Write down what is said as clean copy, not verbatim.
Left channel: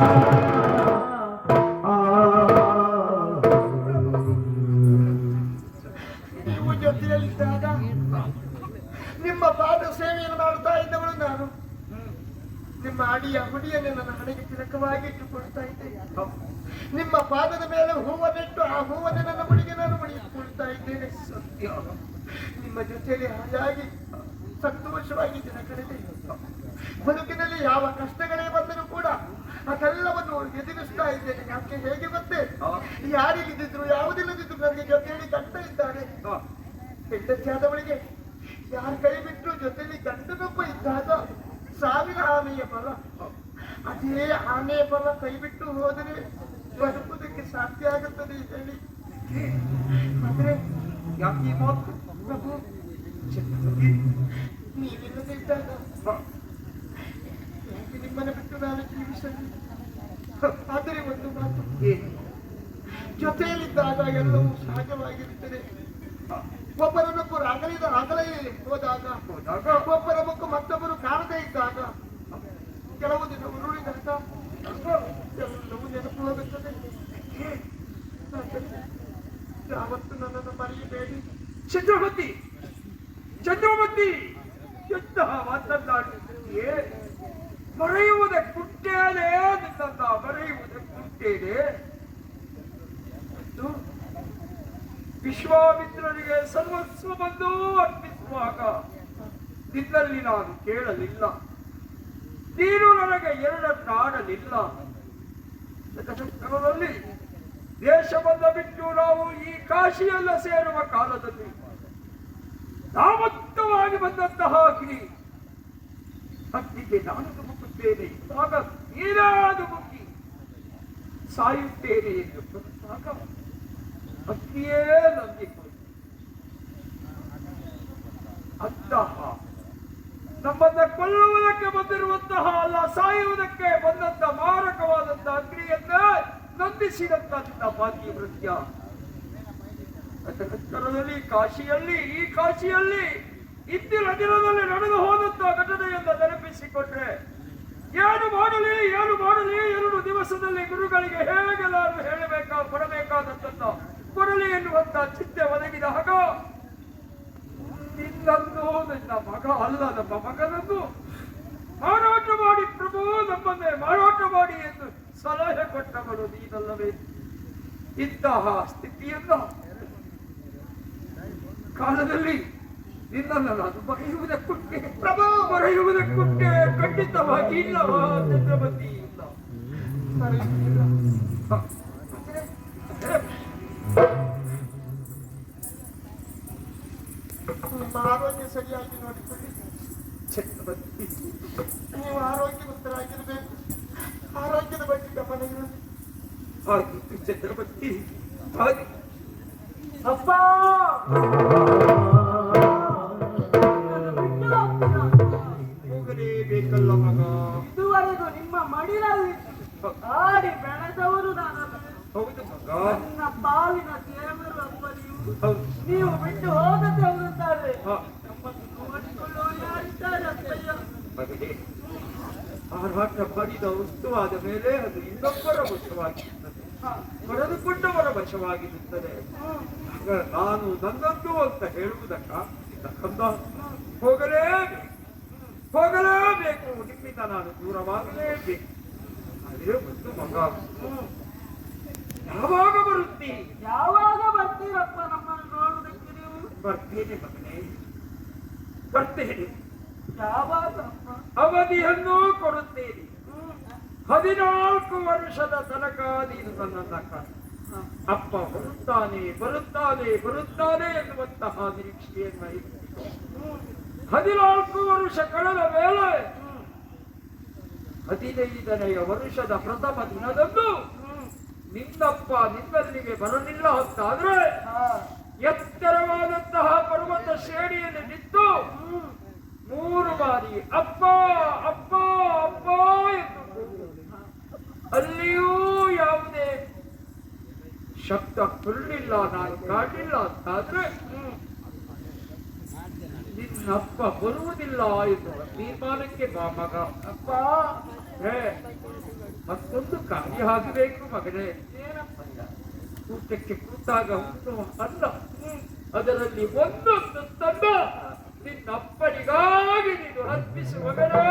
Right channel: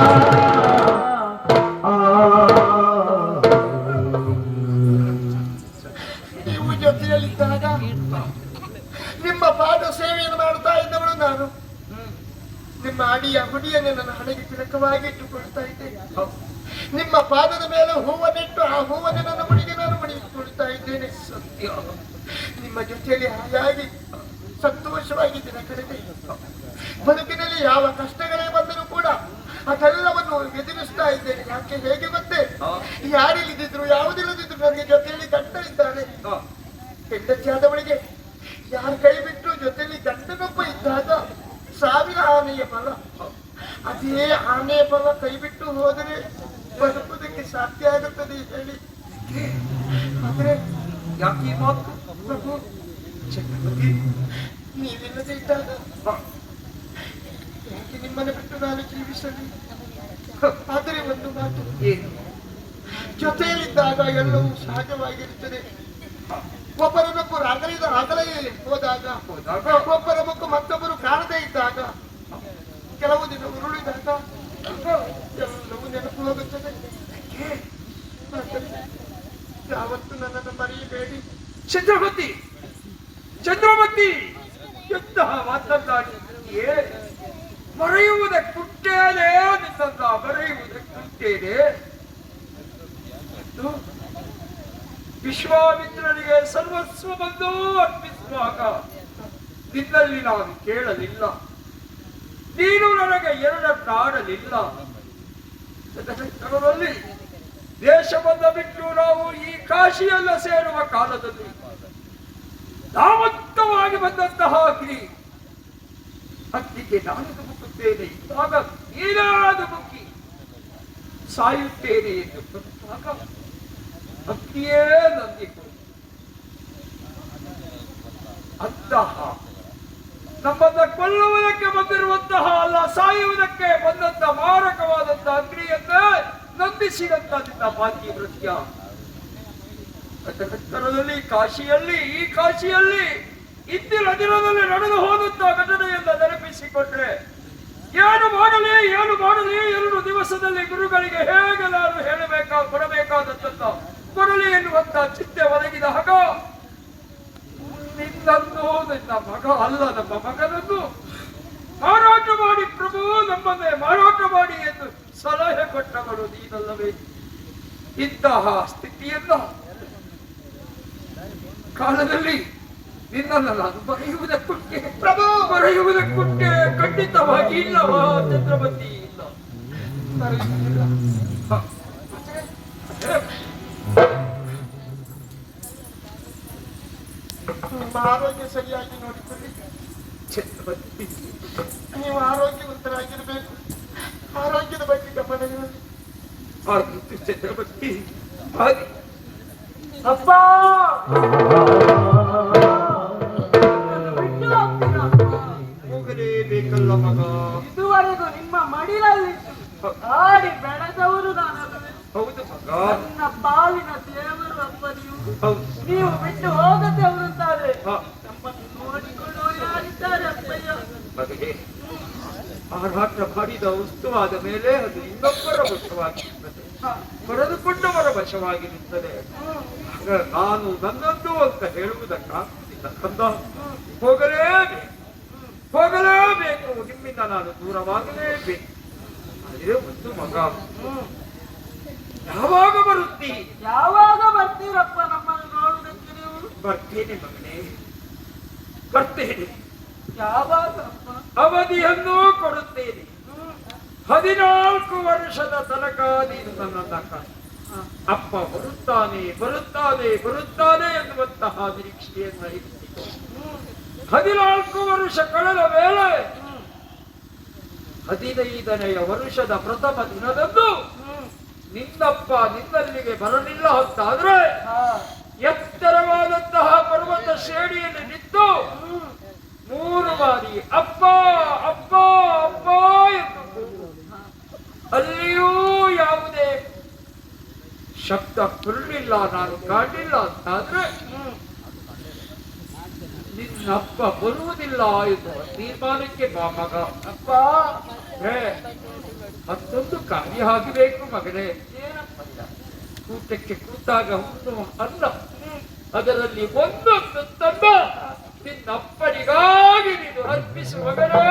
ನೀವು ಜೊತೆಯಲ್ಲಿದ್ದಾಗ ನಿಮ್ಮ ಪಾದ ಸೇವೆಯನ್ನು ಮಾಡುತ್ತಾ ಇದ್ದವಳು ನಾನು. ನಿಮ್ಮ ಅಡಿಯ ಹುಡಿಯನ್ನು ನನ್ನ ಹಣೆಗೆ ತಿಲಕವಾಗಿ ಇಟ್ಟುಕೊಳ್ತಾ ಇದ್ದೆ. ನಿಮ್ಮ ಪಾದದ ಮೇಲೆ ಹೂವನ್ನಿಟ್ಟು ಆ ಹೂವನ್ನು ನನ್ನ ಮುಡಿಗೆ ನಾನು ಮುಡಿಯಿಟ್ಟುಕೊಳ್ತಾ ಇದ್ದೇನೆ. ಸತ್ಯ. ನಿಮ್ಮ ಜೊತೆಯಲ್ಲಿ ಹಾಯಾಗಿ ಸಂತೋಷವಾಗಿ ದಿನ ಕಳೆದೆ. ಬದುಕಿನಲ್ಲಿ ಯಾವ ಕಷ್ಟಗಳೇ ಬಂದರೂ ಕೂಡ ಅದೆಲ್ಲವನ್ನು ಎದುರಿಸ್ತಾ ಇದ್ದೇನೆ. ಯಾಕೆ ಹೇಗೆ ಗೊತ್ತೇ? ಯಾರಿಲ್ಲದಿದ್ರು ಯಾವುದಿಲ್ಲದಿದ್ರು ನನಗೆ ಜೊತೆಯಲ್ಲಿ ಗಂಡ ಇದ್ದಾನೆ. ಹೆಂಡತಿಯಾದವಳಿಗೆ ಯಾರ ಕೈ ಬಿಟ್ಟು ಜೊತೆಯಲ್ಲಿ ಗಂಡನೊಬ್ಬ ಇದ್ದಾಗ ಸಾವಿರ ಆನೆಯ ಫಲ. ಅದೇ ಆನೆಯ ಫಲ ಕೈ ಬಿಟ್ಟು ಹೋದರೆ ಬದುಕುವುದಕ್ಕೆ ಸಾಧ್ಯ ಆಗುತ್ತದೆ ಹೇಳಿ. ಆದ್ರೆ ಯಾಕೆ ಮಾತು ಪ್ರಭು, ನೀವಿಲ್ಲದೆ ಇದ್ದಾಗ ಯಾಕೆ ನಿಮ್ಮನ್ನು ಬಿಟ್ಟು ನಾನು ಜೀವಿಸಲಿ? ಆದರೆ ಒಂದು ಮಾತು, ಜೊತೆಯಲ್ಲಿದ್ದಾಗ ಎಲ್ಲವೂ ಸಹಜವಾಗಿರುತ್ತದೆ. ಒಬ್ಬರನ್ನೊಬ್ಬರು ಅಗಲೇ ಹೋದಾಗ ಒಬ್ಬರ ಮುಖ ಮತ್ತೊಬ್ಬರು ಕಾಣದೇ ಇದ್ದಾಗ ಕೆಲವು ದಿನ ಉರುಳಿದಾಗ ಎಲ್ಲವೂ ನೆನಪು ಹೋಗುತ್ತದೆ. ಯಾವತ್ತು ನನ್ನನ್ನು ಮರೆಯಬೇಡಿ. ಚಂದ್ರಮತಿ ಎಂತಹ ಮಾತನಾಡಿಯೇ? ಮರೆಯುವುದಕ್ಕುಂಟೇನೆ ನಿನ್ನ ಮರೆಯುವುದಕ್ಕುಂಟೇನೆ. ವಿಶ್ವಾಮಿತ್ರನಿಗೆ ಸರ್ವಸ್ವವನ್ನು ಅರ್ಪಿಸುವಾಗ ನಿನ್ನಲ್ಲಿ ನಾನು ಕೇಳಲಿಲ್ಲ, ನೀನು ನನಗೆ ಎರಡನ್ನಾಡಲಿಲ್ಲ. ತದನಂತರದಲ್ಲಿ ದೇಶವನ್ನು ಬಿಟ್ಟು ನಾವು ಈ ಕಾಶಿಯಲ್ಲ ಸೇರುವ ಕಾಲದಲ್ಲಿ ನಾಮತ್ತವಾಗಿ ಬಂದಂತಹ ಅಗ್ನಿ ಅಗ್ನಿಗೆ ನಾನು ಧುಮುಕುತ್ತೇನೆ ಇದ್ದಾಗ ನೀನಾದ ಮುಕ್ಕಿ ಸಾಯುತ್ತೇನೆ ಎಂದು ಬಂದಾಗ ಅಗ್ನಿಯೇ ನಂದಿಕೊಂಡು ಅಂತಹ ನಮ್ಮನ್ನ ಕೊಲ್ಲುವುದಕ್ಕೆ ಬಂದಿರುವಂತಹ ಅಲ್ಲ, ಸಾಯುವುದಕ್ಕೆ ಬಂದಂತಹ ಮಾರಕವಾದಂತಹ ಅಗ್ನಿಯನ್ನೇ ನಂದಿಸಿದಂತ ನಿನ್ನ ಭಾಗ್ಯ ವೃತ್ಯ. ನಂತರದಲ್ಲಿ ಈ ಕಾಶಿಯಲ್ಲಿ ಇಂದಿನ ದಿನದಲ್ಲಿ ನಡೆದು ಹೋದಂತಹ ಘಟನೆಯನ್ನ ನೆನಪಿಸಿಕೊಂಡ್ರೆ ಏನು ಮಾಡಲಿ 2 ದಿವಸದಲ್ಲಿ ಗುರುಗಳಿಗೆ ಹೇಗೆ ನಾನು ಕೊಡಬೇಕಾದಂತ ಕೊಡಲಿ ಎನ್ನುವಂತ ಚಿಂತೆ ಒದಗಿದಾಗ ನಿನ್ನನ್ನು ನಿನ್ನ ಮಗ ಅಲ್ಲ ನಮ್ಮ ಮಗನನ್ನು ಮಾರಾಟ ಮಾಡಿ ಪ್ರಭು ನಮ್ಮನ್ನೇ ಮಾರಾಟ ಮಾಡಿ ಎಂದು ಸಲಹೆ ಕೊಟ್ಟವರು ನೀನಲ್ಲವೇ? ಇಂತಹ ಸ್ಥಿತಿಯನ್ನ ಕಾಲದಲ್ಲಿ ನಿನ್ನನ್ನು ನಾನು ಬರೆಯುವುದಕ್ಕುಂಟೆ ಪ್ರಭು, ಬರೆಯುವುದಕ್ಕುಂಟೆ ಖಂಡಿತವಾಗಿ ಇಲ್ಲವಾ ಚಂದ್ರಮತಿ? ಇಲ್ಲ. ನಿಮ್ಮ ಆರೋಗ್ಯ ಸರಿಯಾಗಿ ನೋಡಿಕೊಳ್ಳಿ ಚಂದ್ರಮತಿ. ನೀವು ಆರೋಗ್ಯವಂತರಾಗಿರಬೇಕು. ಆರೋಗ್ಯದ ಬಗ್ಗೆ ಗಮನ ಆಗಿತ್ತು ಚಂದ್ರಮತಿ. ಅಪ್ಪ ಹೋಗಲೇಬೇಕಲ್ಲ ಮಗ. ಇದುವರೆಗೂ ನಿಮ್ಮ ಮಡಿಲಲ್ಲಿ ಆಡಿ ಬೆಳೆದವರು ನಾನಲ್ಲವೇ? ಹೌದು ಮಗ. ನನ್ನ ಬಾವಿನ ದೇವರು ಅಪ್ಪ ನೀವು ಬಿಟ್ಟು ಹೋಗದೆ ಅವರುತ್ತಾರೆ. ನಮ್ಮನ್ನು ನೋಡಿಕೊಳ್ಳುವ ಯಾರಿದ್ದಾರೆ ಅಪ್ಪಯ್ಯ? ಮಗನೇ, ಆರಾಟ ಮಾಡಿದ ವಸ್ತುವಾದ ಮೇಲೆ ಅದು ಇನ್ನೊಬ್ಬರ ವಶವಾಗಿರುತ್ತದೆ, ಪಡೆದುಕೊಂಡವರ ವಶವಾಗಿರುತ್ತದೆ. ನಾನು ನನ್ನದ್ದು ಅಂತ ಹೇಳುವುದಕ್ಕಾಗುತ್ತಿಲ್ಲ ಕಂದ. ಹೋಗಲೇಬೇಕು, ನಿಮ್ಮಿಂದ ನಾನು ದೂರವಾಗಲೇಬೇಕು. ಆದರೆ ಒಂದು ಮಗ, ಯಾವಾಗ ಬರುತ್ತೀರಿ? ಯಾವಾಗ ಬರ್ತೀರಪ್ಪ ನಮ್ಮನ್ನು ನೋಡುವುದಕ್ಕೆ ನೀವು? ಬರ್ತೇನೆ ಮಗನೇ, ಬರ್ತೇನೆ. ಯಾವಾಗ ಅವಧಿಯನ್ನು ಕೊಡುತ್ತೇನೆ. 14 ವರ್ಷದ ತನಕ ನೀನು ನನ್ನನ್ನ ಕಾಣು. ಅಪ್ಪ ಬರುತ್ತಾನೆ ಎನ್ನುವಂತಹ ನಿರೀಕ್ಷೆಯನ್ನ ಇರಿಸಿತು. 14 ವರ್ಷ ಕಳೆದ ಮೇಲೆ 15ನೆಯ ವರ್ಷದ ಪ್ರಥಮ ದಿನದಂದು ನಿನ್ನಪ್ಪ ನಿನ್ನಲ್ಲಿಗೆ ಬರಲಿಲ್ಲ ಅಂತಾದ್ರೆ ಎತ್ತರವಾದಂತಹ ಪರ್ವತ ಶ್ರೇಣಿಯಲ್ಲಿ ನಿಂತು 3 ಬಾರಿ ಅಪ್ಪ ಅಪ್ಪ ಅಪ್ಪ ಎಂದು ಅಲ್ಲಿಯೂ ಯಾವುದೇ ಶಬ್ದ ಬರಲಿಲ್ಲ, ನಾನು ಕಾಣಲಿಲ್ಲ ಅಂತಾದ್ರೆ ನಿನ್ನಪ್ಪ ಬರುವುದಿಲ್ಲ ಎನ್ನುವ ತೀರ್ಮಾನಕ್ಕೆ ಬಾ ಮಗ. ಅಪ್ಪ ಮತ್ತೊಂದು ಕಾರ್ಯ ಆಗಬೇಕು ಮಗನೇ. ಏನಪ್ಪಯ್ಯ? ಊಟಕ್ಕೆ ಕೂತಾಗ ಉಣ್ಣುವ ಅನ್ನ, ಅದರಲ್ಲಿ ಒಂದೊಂದು ತನ್ನ ನಿನ್ನಪ್ಪನಿಗಾಗಿ ನೀನು ಅರ್ಪಿಸುವ ಮಗನೇ.